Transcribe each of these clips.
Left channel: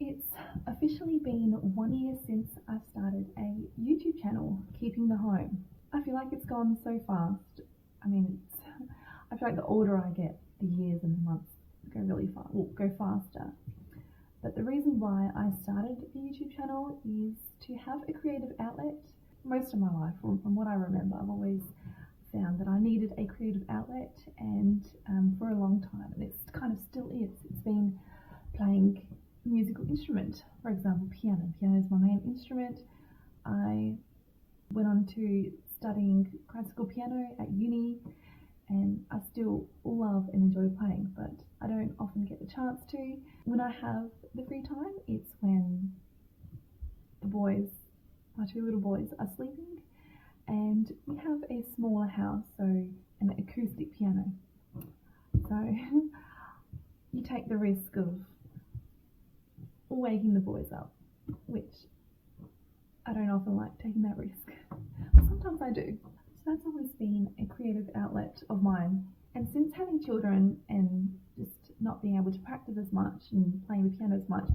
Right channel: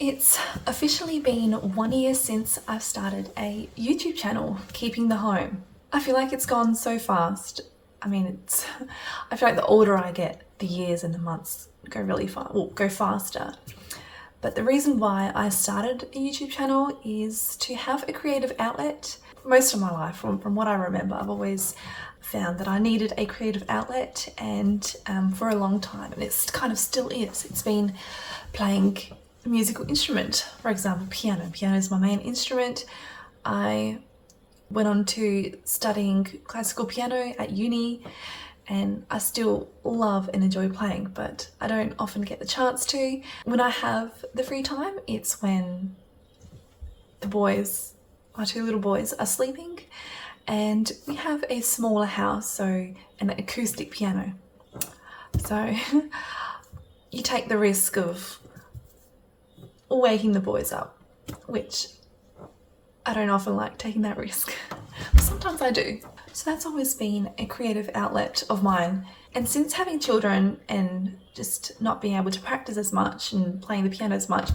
It's officially been 1 year since I've started a YouTube channel, Keeping the Home. I feel like it's gone so fast. I feel like the older I get, the years and the months go really fast, go faster. But the reason why I started a YouTube channel is to have a creative outlet. Most of my life, from what I remember, I've always found that I needed a creative outlet, and for a long time, and it's kind of still is. It's been playing a musical instrument, for example, piano. Piano is my main instrument. I went on to studying classical piano at uni, and I still love and enjoy playing, but I don't often get the chance to. When I have the free time, it's when the boys, my two little boys, are sleeping, and we have a smaller house, so an acoustic piano. So you take the risk of waking the boys up, which I don't often like taking that risk, but sometimes I do. So that's always been a creative outlet of mine. And since having children and just not being able to practice as much and playing the piano as much,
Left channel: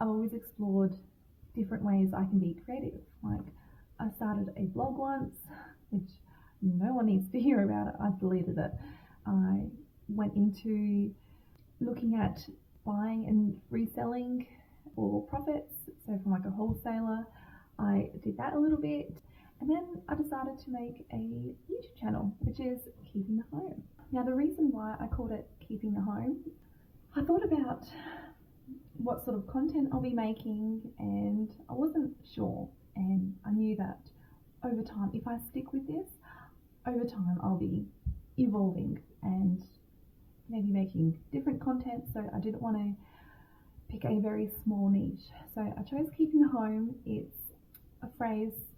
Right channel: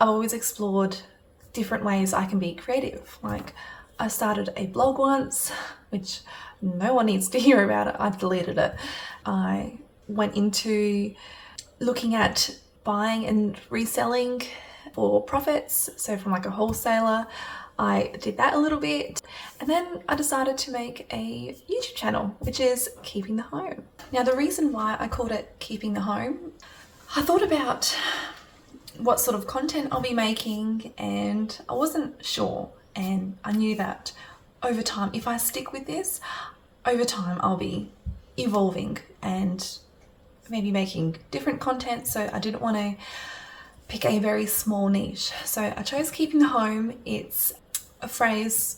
I've always explored different ways I can be creative. Like, I started a blog once, which no one needs to hear about it. I deleted it. I went into looking at buying and reselling for profits, so from like a wholesaler. I did that a little bit, and then I decided to make a YouTube channel, which is Keeping the Home. Now, the reason why I called it Keeping the Home, I thought about what sort of content I'll be making, and I wasn't sure, and I knew that over time, if I stick with this, over time I'll be evolving and maybe making different content, so I didn't want to pick a very small niche. So I chose Keeping the Home. It's a phrase,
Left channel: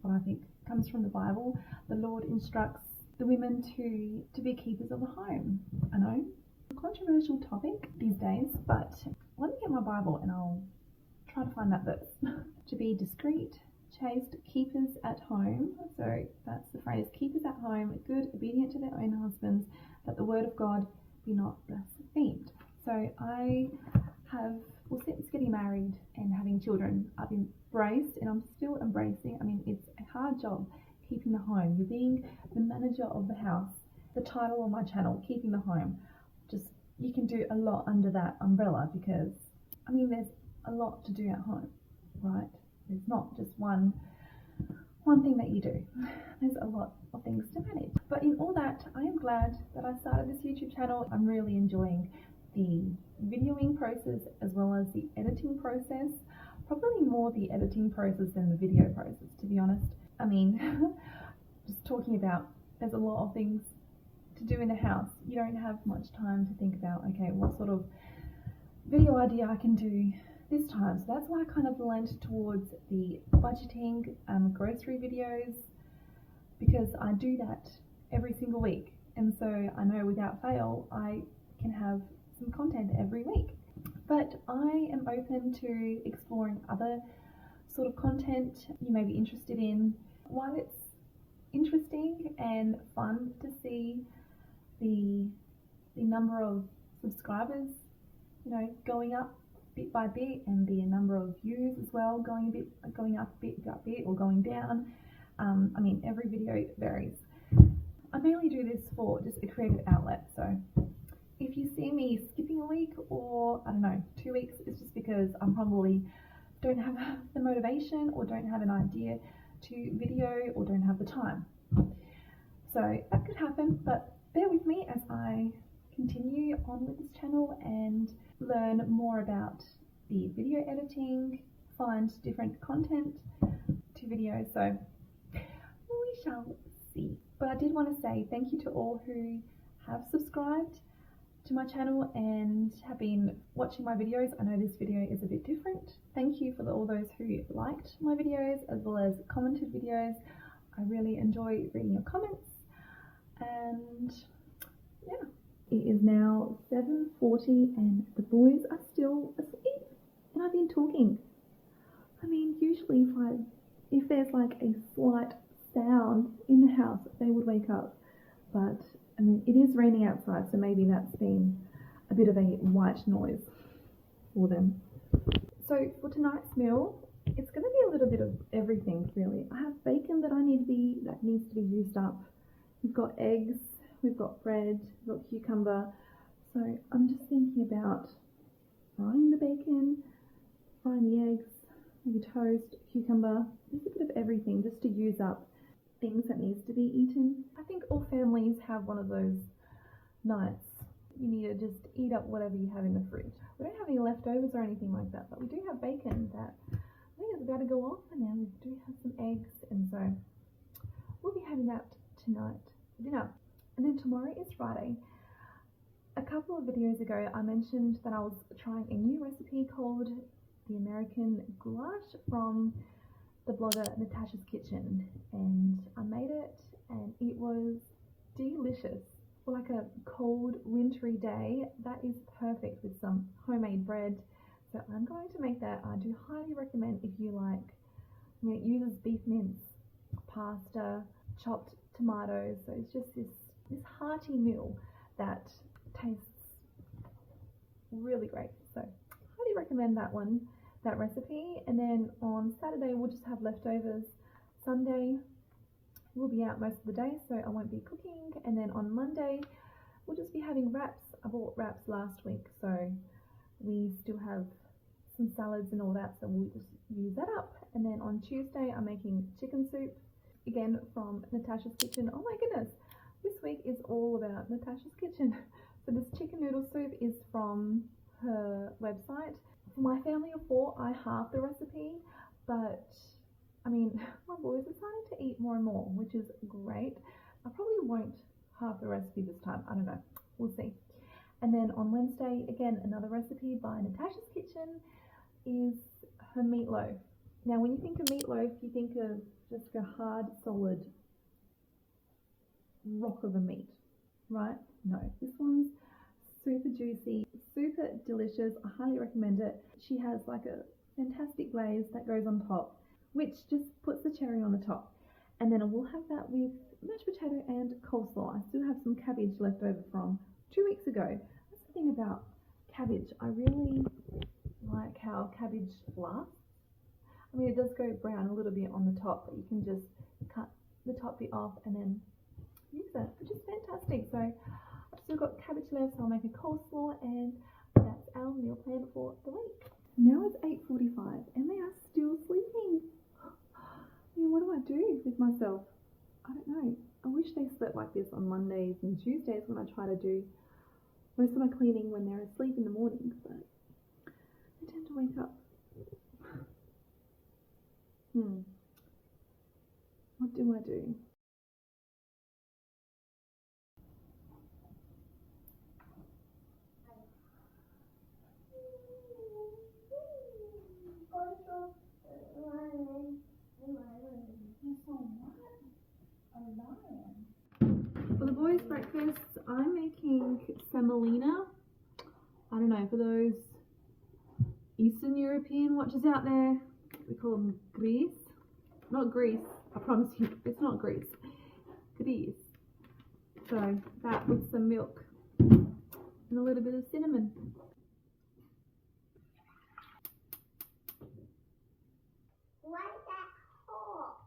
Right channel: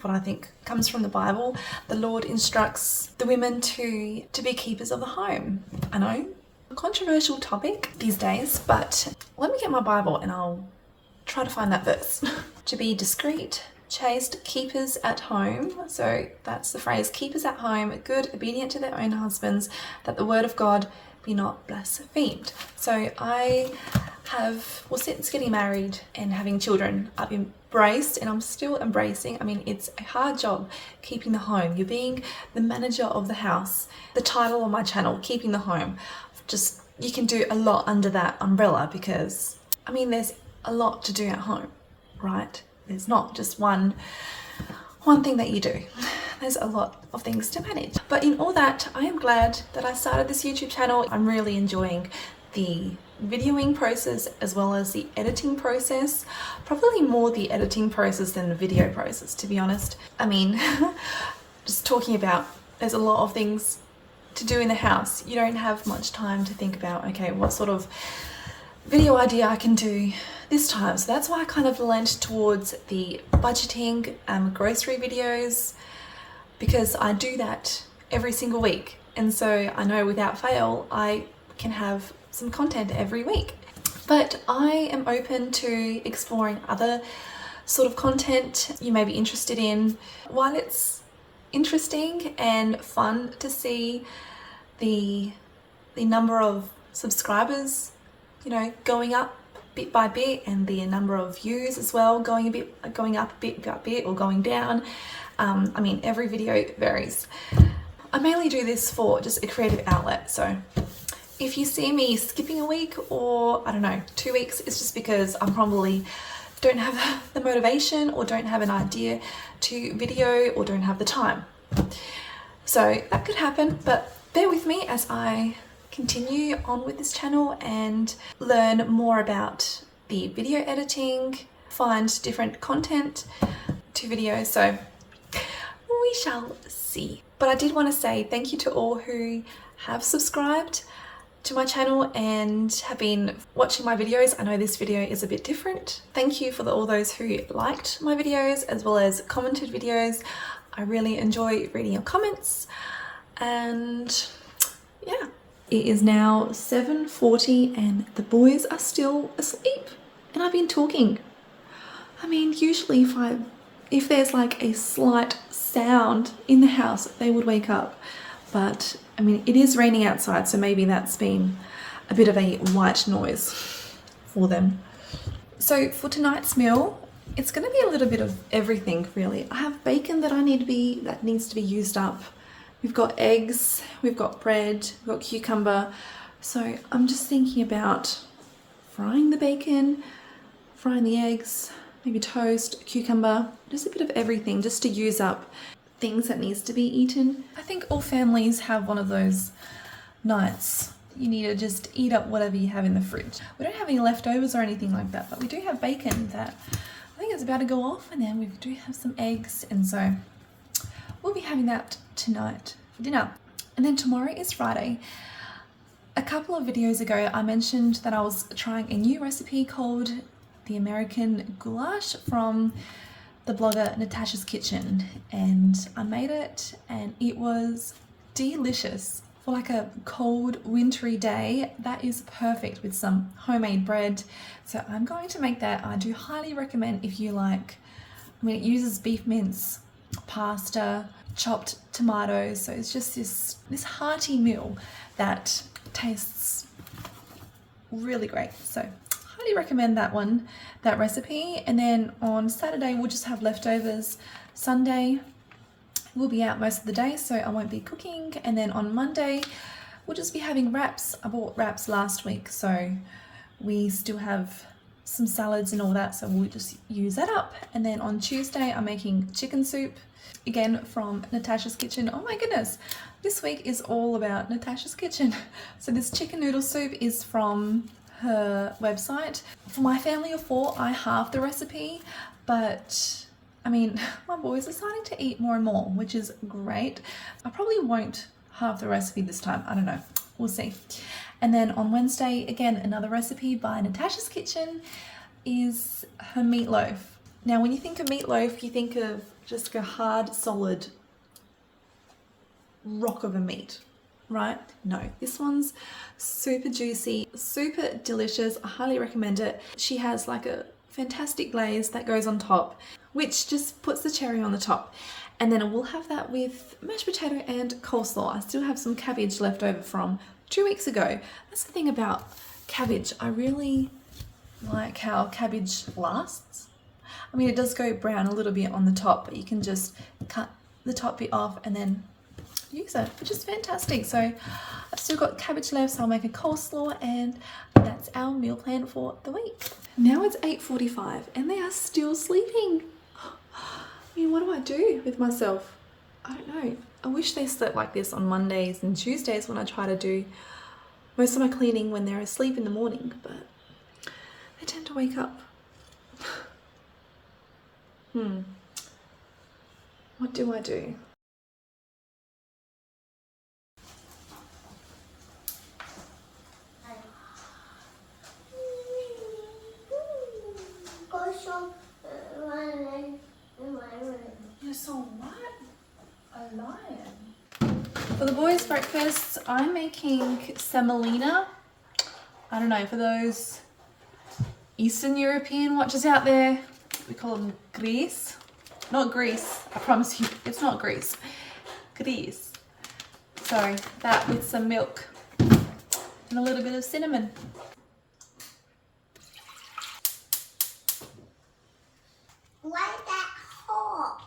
what I think comes from the Bible. The Lord instructs the women to be keepers of the home. I know, a controversial topic these days, but let me get my Bible and I'll try to find that verse. To be discreet, chaste, keepers at home. So that's the phrase, keepers at home, good, obedient to their own husbands, that the word of God be not blasphemed. So I have, since getting married and having children, I've embraced, and I'm still embracing. I mean, it's a hard job keeping the home. You're being the manager of the house. The title of my channel, Keeping the Home, just, you can do a lot under that umbrella, because I mean, there's a lot to do at home, right? There's not just one thing that you do. There's a lot of things to manage. But in all that, I am glad that I started this YouTube channel. I'm really enjoying the videoing process as well as the editing process. Probably more the editing process than the video process, to be honest. I mean, just talking about, there's a lot of things to do in the house. You don't have much time to think about, okay, what sort of video idea I can do this time. So that's why I kind of lent towards the budgeting grocery videos, because I do that every single week, and so I know without fail I can have some content every week. But I am open to exploring other sort of content you may be interested in. While it's interesting and fun to see the number of subscribers, you know, going up bit by bit, and the number of views as well going up bit by bit, or going down. I mean, every video varies. I mainly do this for just a creative outlet. So if you see me skipping a week, or I don't know, 2 weeks, it's just because I probably don't have the motivation, or don't have an idea to video, or don't have the time. So that could happen, but bear with me as I continue on with this channel and learn more about the video editing, find different content to videos. So we shall see. But I did want to say thank you to all who have subscribed to my channel and have been watching my videos. I know this video is a bit different. Thank you for all those who liked my videos as well as commented videos. I really enjoy reading your comments. And yeah, it is now 7:40 and the boys are still asleep, and I've been talking. I mean, usually if there's like a slight sound in the house, they would wake up. But I mean, it is raining outside, so maybe that's been a bit of a white noise for them. So for tonight's meal, it's going to be a little bit of everything really. I have bacon that needs to be used up. We've got eggs, we've got bread, we've got cucumber. So I'm just thinking about frying the bacon, frying the eggs, maybe toast, cucumber, just a bit of everything just to use up things that needs to be eaten. I think all families have one of those nights. You need to just eat up whatever you have in the fridge. We don't have any leftovers or anything like that, but we do have bacon that I think is about to go off, and then we do have some eggs, and so we'll be having that tonight for dinner. And then tomorrow is Friday. A couple of videos ago I mentioned that I was trying a new recipe called the American Goulash from the blogger Natasha's Kitchen, and I made it and it was delicious. For like a cold wintry day, that is perfect with some homemade bread. So I'm going to make that. I do highly recommend if you like, it uses beef mince, pasta, chopped tomatoes. So it's just this hearty meal that tastes really great. So highly recommend that recipe. And then on Saturday we'll just have leftovers. Sunday we'll be out most of the day, so I won't be cooking. And then on Monday we'll just be having wraps. I bought wraps last week, so we still have some salads and all that, so we'll just use that up. And then on Tuesday I'm making chicken soup, again from Natasha's Kitchen. Oh my goodness, this week is all about Natasha's Kitchen. So this chicken noodle soup is from her website. For my family of 4, I halved the recipe, but my boys are starting to eat more and more, which is great. I probably won't halve the recipe this time. I don't know. We'll see. And then on Wednesday, again, another recipe by Natasha's Kitchen is her meatloaf. Now, when you think of meatloaf, you think of just a hard, solid rock of a meat, right? No, this one's super juicy, super delicious. I highly recommend it. She has like a fantastic glaze that goes on top, which just puts the cherry on the top. And then we'll have that with mashed potato and coleslaw. I still have some cabbage left over from 2 weeks ago. That's the thing about cabbage. I really like how cabbage lasts. It does go brown a little bit on the top, but you can just cut the top bit off and then use it, which is fantastic. So I've still got cabbage left, so I'll make a coleslaw, and that's our meal plan for the week. Now it's 8:45 and they are still sleeping. What do I do with myself? I don't know. I wish they slept like this on Mondays and Tuesdays when I try to do most of my cleaning when they're asleep in the morning, but they tend to wake up. What do I do? You're so what? A lion. For the boys' breakfast, I'm making semolina. I don't know, for those Eastern European watchers out there, we call them grys. Not grease, I promise you, it's not grease. Grys. So that with some milk and a little bit of cinnamon. Why that hot?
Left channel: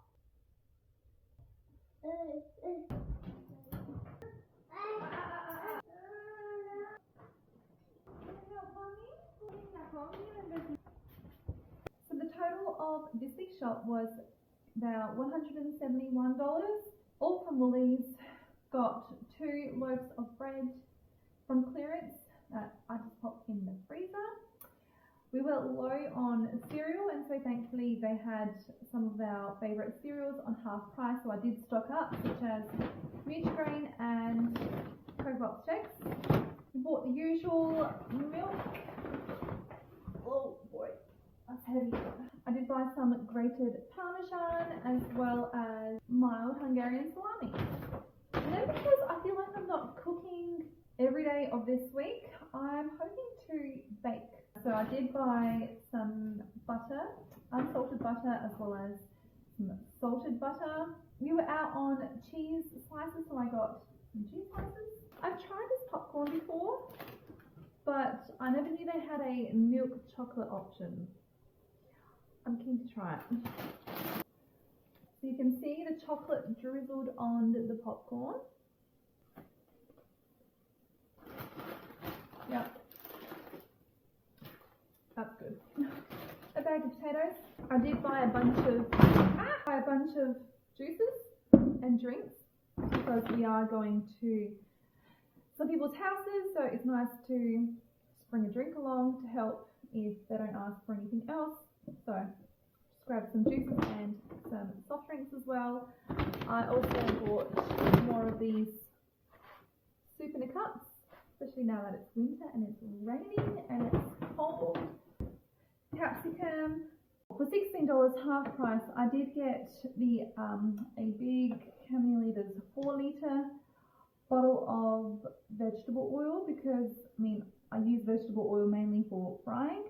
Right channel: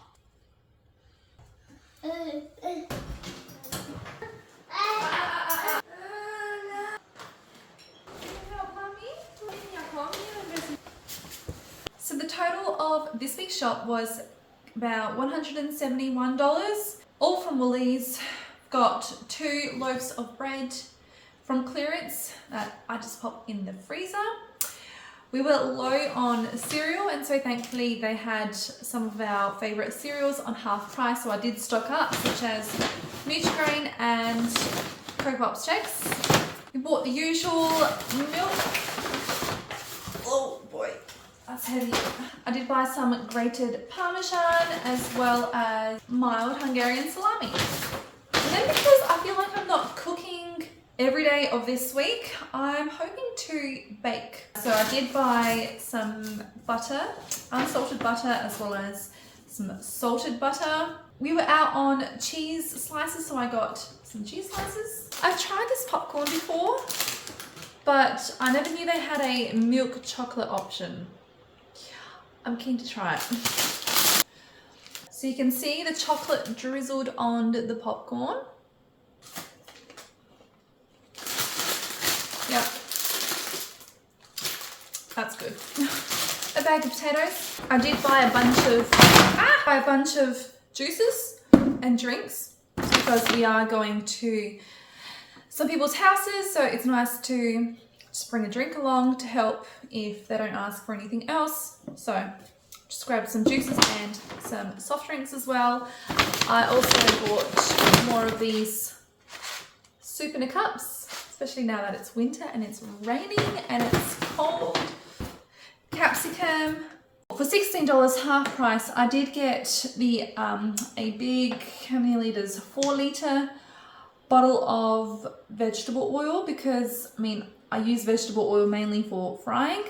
So the total of this week's shop was about $171, all from Woolies. Got 2 loaves of bread from clearance that I just popped in the freezer. We were low on cereal, and so thankfully they had some of our favourite cereals on half price, so I did stock up, such as Nutri-Grain and Cocoa Pops Chex. We bought the usual milk. Oh boy, that's heavy. I did buy some grated Parmesan as well as mild Hungarian salami. And then because I feel like I'm not cooking every day of this week, I'm hoping to bake. So I did buy some butter, unsalted butter, as well as some salted butter. We were out on cheese slices, so I got some cheese slices. I've tried this popcorn before, but I never knew they had a milk chocolate option. I'm keen to try it. So you can see the chocolate drizzled on the popcorn. Yep. That's good. A bag of potatoes. I did buy a bunch of juices and drinks because we are going to some people's houses, so it's nice to just bring a drink along to help if they don't ask for anything else. So just grabbed some juices and some soft drinks as well. I also bought more of these soup in a cups, especially now that it's winter and it's raining and it's cold. Capsicum. For $16 half price, I did get the a big, how many litres? 4 litre bottle of vegetable oil because, I mean, I use vegetable oil mainly for frying,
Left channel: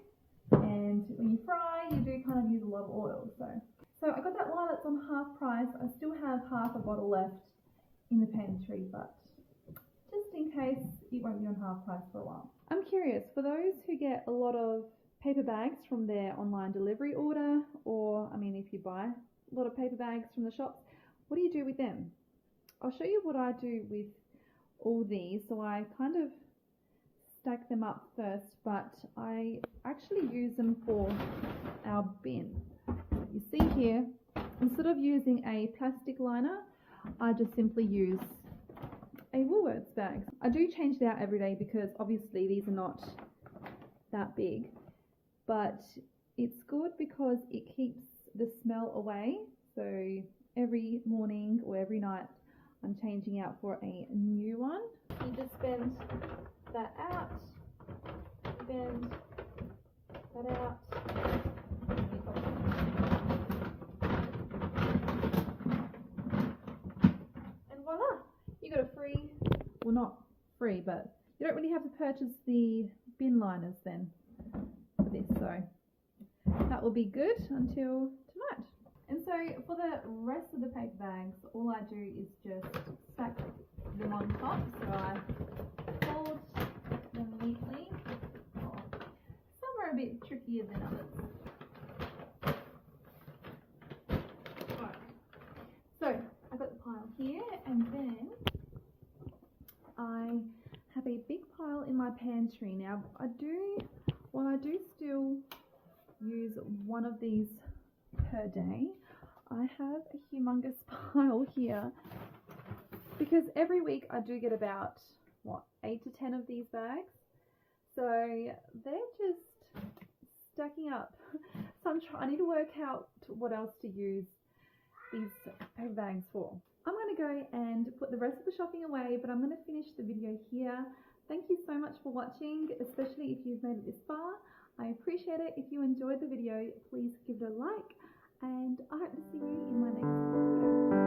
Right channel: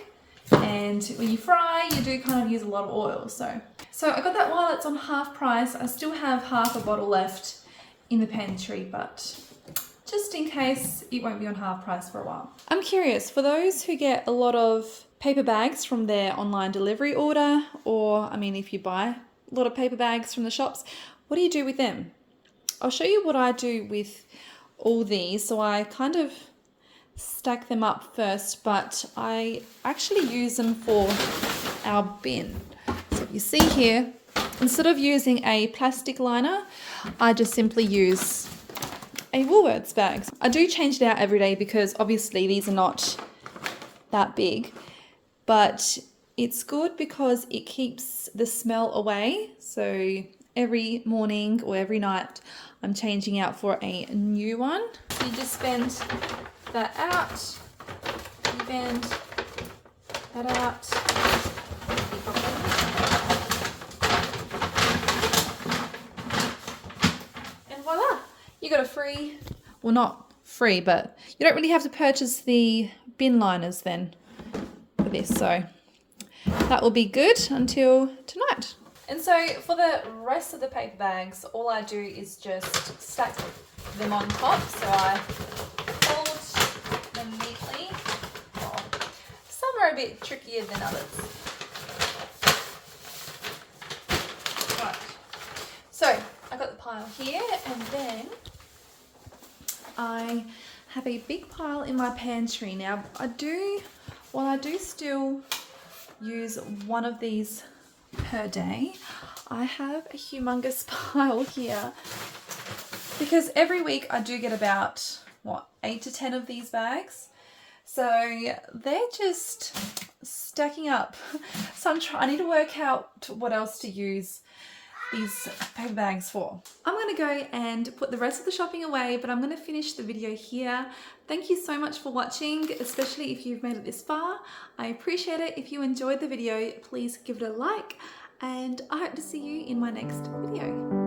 and when you fry, you do kind of use a lot of oil. So I got that while it's on half price. I still have half a bottle left in the pantry, but just in case, it won't be on half price for a while. I'm curious, for those who get a lot of paper bags from their online delivery order, or I mean, if you buy a lot of paper bags from the shops, what do you do with them? I'll show you what I do with all these. So I kind of stack them up first, but I actually use them for our bin. So you see here, instead of using a plastic liner, I just simply use a Woolworths bag. I do change it out every day because obviously these are not that big, but it's good because it keeps the smell away. So every morning or every night I'm changing out for a new one. So you just bend that out, you bend that out, and voila, you got a free, well, not free, but you don't really have to purchase the bin liners then for this. So that will be good until tonight. And so for the rest of the paper bags, all I do is just stack them on top. So I fold them neatly. Oh, some are a bit trickier than others. Right. So I got the pile here, and then I have a big pile in my pantry. Now I do still use one of these per day. I have a humongous pile here because every week I do get about 8 to 10 of these bags, so they're just stacking up. So I need to work out what else to use these paper bags for. I'm going to go and put the rest of the shopping away, but I'm going to finish the video here. Thank you so much for watching, especially if you've made it this far. I appreciate it. If you enjoyed the video, please give it a like, and I hope to see you in my next video.